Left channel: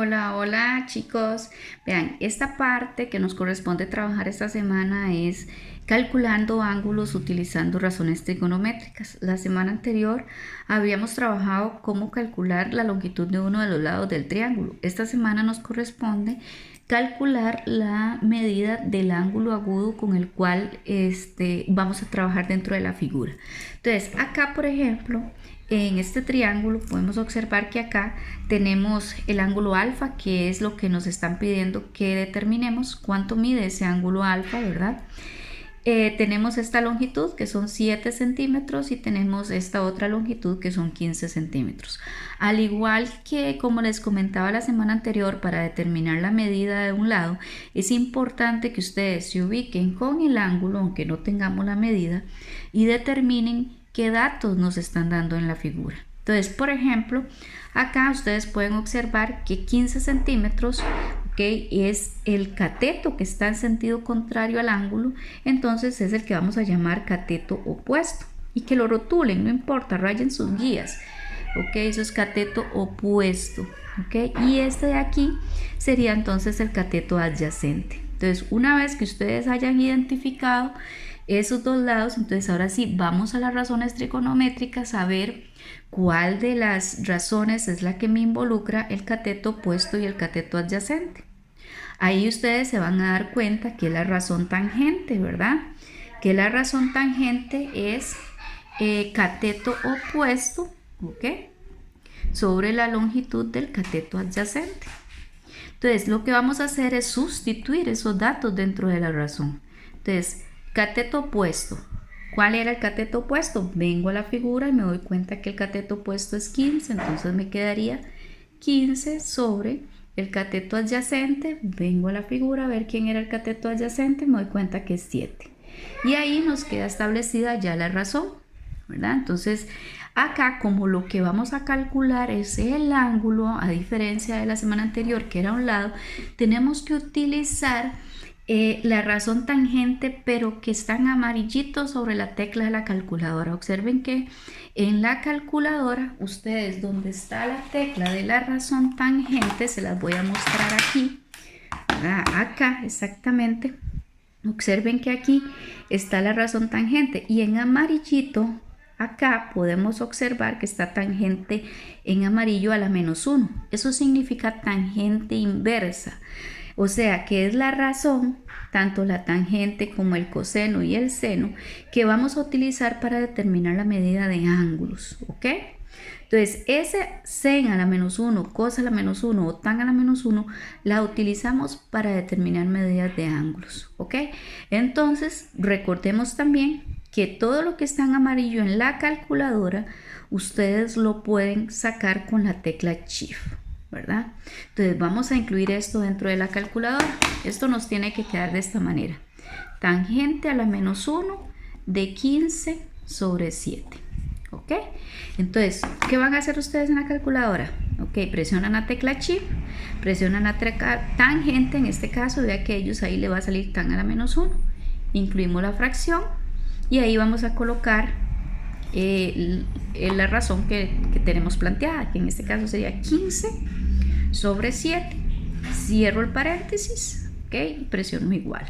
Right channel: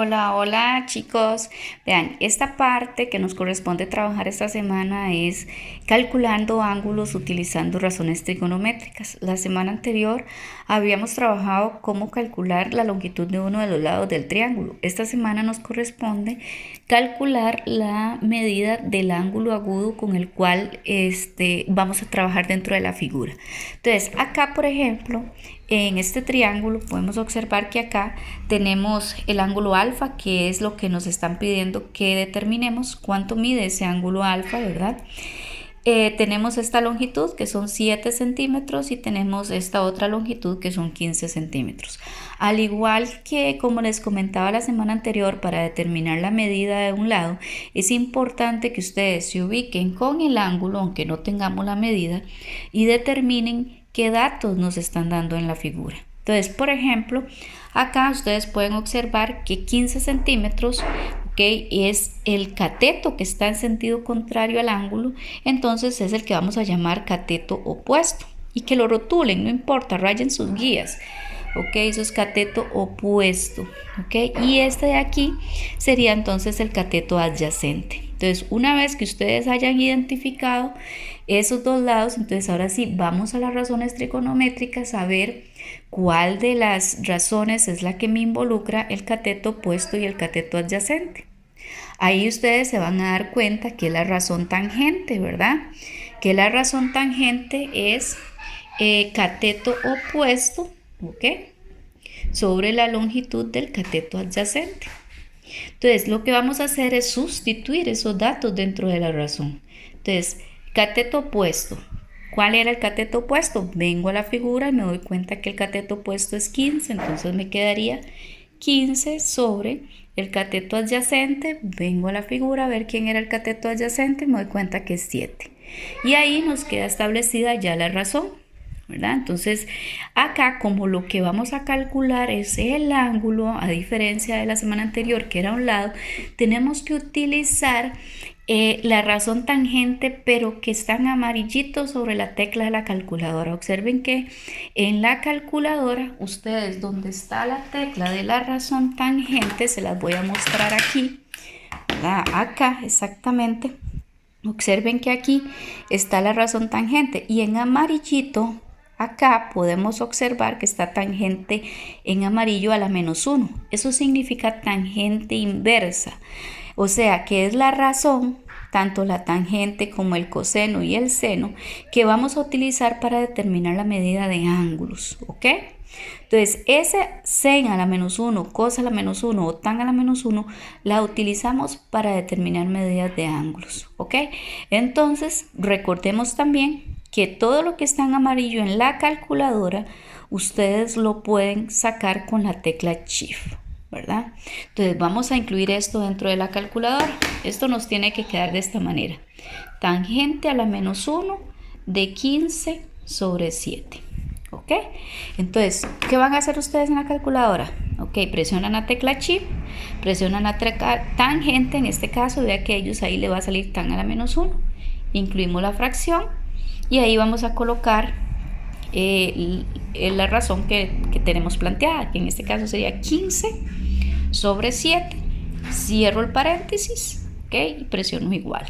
Hola, hola chicos. Vean, esta parte que nos corresponde trabajar esta semana es calculando ángulos utilizando razones trigonométricas. La semana anterior habíamos trabajado cómo calcular la longitud de uno de los lados del triángulo. Esta semana nos corresponde calcular la medida del ángulo agudo con el cual vamos a trabajar dentro de la figura. Entonces, acá por ejemplo, en este triángulo podemos observar que acá tenemos el ángulo alfa, que es lo que nos están pidiendo que determinemos cuánto mide ese ángulo alfa, ¿verdad? Tenemos esta longitud que son 7 centímetros y tenemos esta otra longitud que son 15 centímetros. Al igual que como les comentaba la semana anterior, para determinar la medida de un lado, es importante que ustedes se ubiquen con el ángulo, aunque no tengamos la medida, y determinen qué datos nos están dando en la figura. Entonces, por ejemplo, acá ustedes pueden observar que 15 centímetros, es el cateto que está en sentido contrario al ángulo, entonces es el que vamos a llamar cateto opuesto. Y que lo rotulen, no importa, rayen sus guías. Eso es cateto opuesto. Y este de aquí sería entonces el cateto adyacente. Entonces, una vez que ustedes hayan identificado esos dos lados, entonces ahora sí vamos a las razones trigonométricas a ver cuál de las razones es la que me involucra el cateto opuesto y el cateto adyacente. Ahí ustedes se van a dar cuenta que la razón tangente, ¿verdad? Que la razón tangente es cateto opuesto, sobre la longitud del cateto adyacente. Entonces, lo que vamos a hacer es sustituir esos datos dentro de la razón. Entonces, cateto opuesto. ¿Cuál era el cateto opuesto? Vengo a la figura y me doy cuenta que el cateto opuesto es 15, entonces me quedaría 15 sobre el cateto adyacente. Vengo a la figura a ver quién era el cateto adyacente y me doy cuenta que es 7. Y ahí nos queda establecida ya la razón, ¿verdad? Entonces, acá como lo que vamos a calcular es el ángulo, a diferencia de la semana anterior que era a un lado, tenemos que utilizar la razón tangente, pero que está en amarillito sobre la tecla de la calculadora. Observen que en la calculadora, ustedes donde está la tecla de la razón tangente, se las voy a mostrar aquí, ¿verdad? Acá exactamente. Observen que aquí está la razón tangente y en amarillito acá podemos observar que está tangente en amarillo a la -1. Eso significa tangente inversa. O sea, que es la razón, tanto la tangente como el coseno y el seno, que vamos a utilizar para determinar la medida de ángulos, Entonces, ese sen a la -1, cos a la -1 o tan a la -1, la utilizamos para determinar medidas de ángulos, Entonces, recordemos también que todo lo que está en amarillo en la calculadora, ustedes lo pueden sacar con la tecla Shift, ¿verdad? Entonces vamos a incluir esto dentro de la calculadora. Esto nos tiene que quedar de esta manera: tangente a la -1 de 15 sobre 7. Entonces, ¿qué van a hacer ustedes en la calculadora? Presionan la tecla Shift, presionan la tecla tangente, en este caso de aquellos, ahí le va a salir tan a la -1, incluimos la fracción y ahí vamos a colocar la razón que tenemos planteada, que en este caso sería 15 sobre 7, cierro el paréntesis, y presiono igual.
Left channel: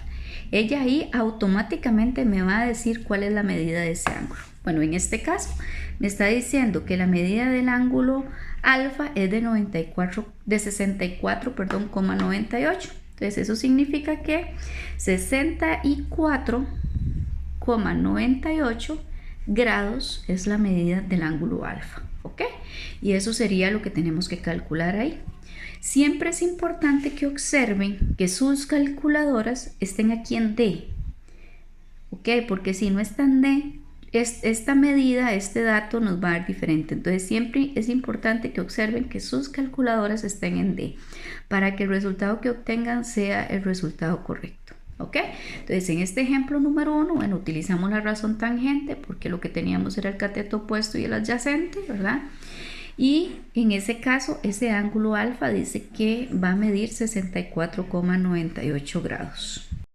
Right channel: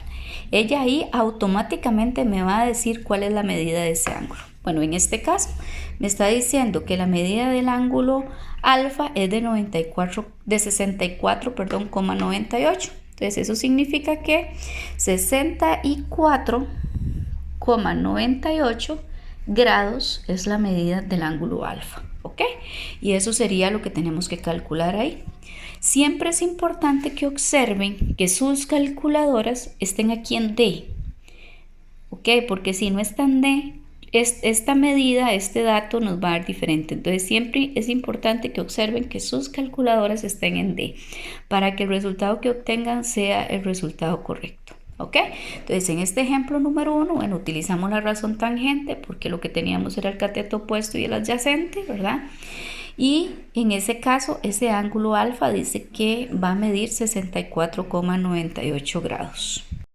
Ella ahí automáticamente me va a decir cuál es la medida de ese ángulo. Bueno, en este caso me está diciendo que la medida del ángulo alfa es de 64,98. Entonces eso significa que 64,98 grados es la medida del ángulo alfa, y eso sería lo que tenemos que calcular ahí. Siempre es importante que observen que sus calculadoras estén aquí en D, porque si no están D, esta medida, este dato nos va a dar diferente. Entonces siempre es importante que observen que sus calculadoras estén en D para que el resultado que obtengan sea el resultado correcto. Entonces en este ejemplo número 1, bueno, utilizamos la razón tangente porque lo que teníamos era el cateto opuesto y el adyacente, ¿verdad? Y en ese caso, ese ángulo alfa dice que va a medir 64,98 grados.